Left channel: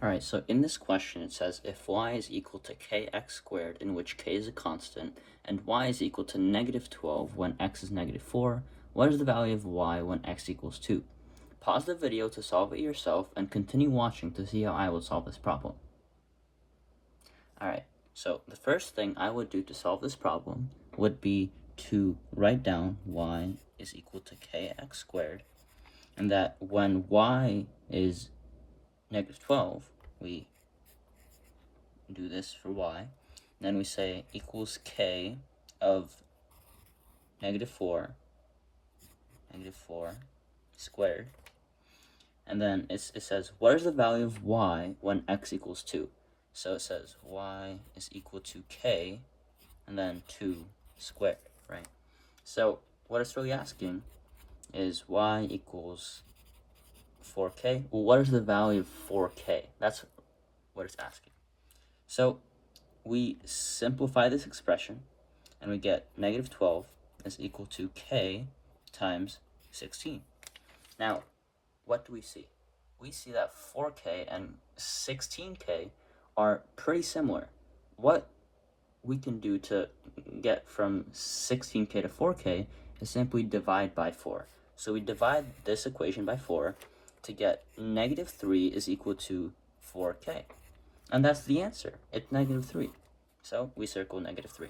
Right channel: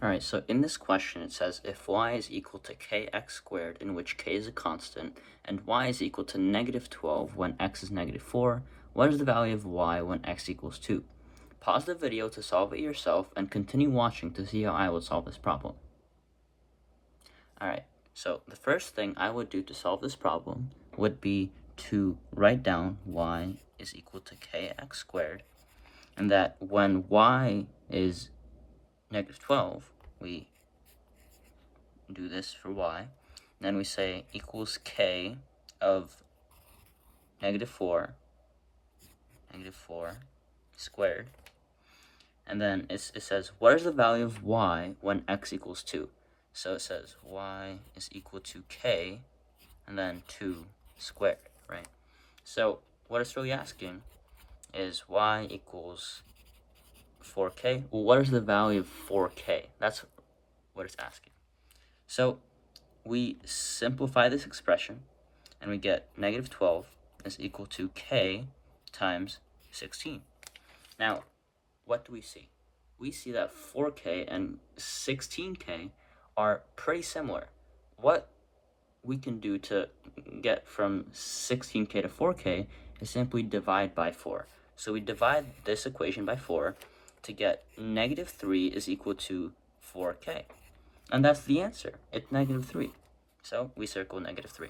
Alright, so in this question it says if y is equal to kx squared, in which k is a constant, and y is equal to negative 12 when x is negative 4, what is the value of y when x equals 2? Pause the video to solve it yourself and continue watching to see how I will solve this problem. Alright, so the first thing I would do to solve this problem would be to write down y is equal to kx squared, and that when y is negative 12, we do this for y. Then we say equals k of negative 4 squared. And then it says, what is the value of y when x equals 2? So it says y is equal to k and then 2 squared, right? So what it's really asking is y equals 4k. Well, what is the value of 4k? That's what it's asking. So we simplify this expression and we get negative 12 is equal to k times 16. Now, what do we see? We see that 4k and 16k are pretty similar. What we can do to get from 16k to 4k is simply divide by 4. So we divide this equation by 4 to get negative 3 is equal to 4k. And that's the answer. It's negative 3. So we circle negative 3.